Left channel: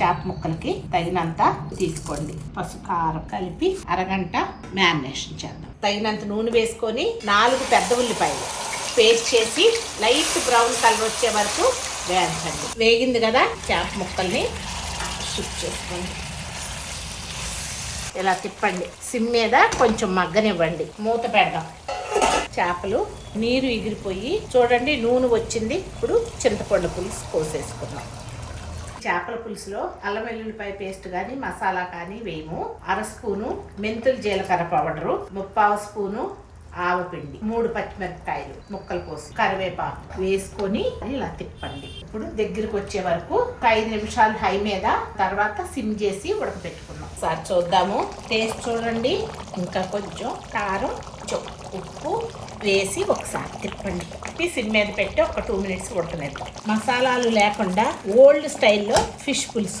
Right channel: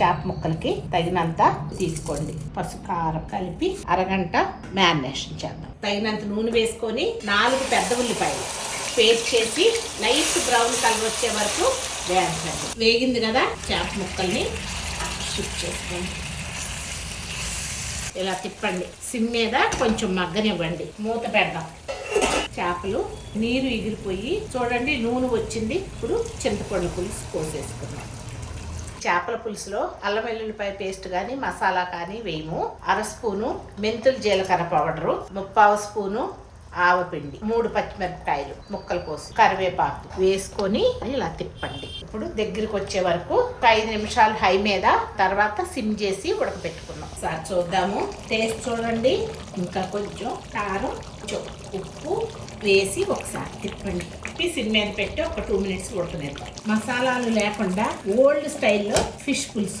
చేప ముక్కలకి తగినంత తీసుకోండి. పసుపు కారం కలిపి అరగంట మ్యారినేషన్ చేద్దాం. తగినంత నూనె వేసుకొని 4 పెద్ద ఉల్లిపాయలు పేస్ట్ చేసి లైట్ బ్రౌన్ కలర్ వచ్చే వరకు వేయించండి. వేగింది కదా, చేప ముక్కల్ని షిఫ్ట్ చేసుకోండి. ఇలా తిప్పండి. సిమ్ మీద కొంచెం మగ్గనివ్వండి. మూత పెడదాం. చేపలు నీరు ఎగిరిపోయి చూడండి నూనె వచ్చింది. ఇప్పుడు చింతపండు పులుసు పోసేసుకున్నాం. చేపల పులుసులో అల్లం వెల్లుల్లిపాయ పేస్ట్ కానీ మసాలా కానీ వేయము. 1/2 స్పూను మెంతులు జీలకర్ర పౌడరు, 1/4 స్పూను ఆవపిండి, 3 పచ్చిమిరపకాయలు ముక్కలు కోసి కరివేపాకు వేసుకొని ఇలా తిప్పండి. ఇప్పుడు దగ్గరికి వచ్చే వరకు 5 నిమిషాలు హై మీద, తర్వాత సిమ్ చేసి ఉడకపెట్టుకున్నాం. ఒకసారి చూద్దాము. టేస్ట్ చూడండి. ఇంకా కొంచెం కారం, ఉప్పు వేసి ఒకసారి తిప్పండి. సిమ్ మీద పెట్టి ఒక 2 మినిట్స్ ఉడకనిద్దాం. మసాలాలు లేకుండా ఓల్డ్ స్టైల్లో ఫిష్ పులుసు.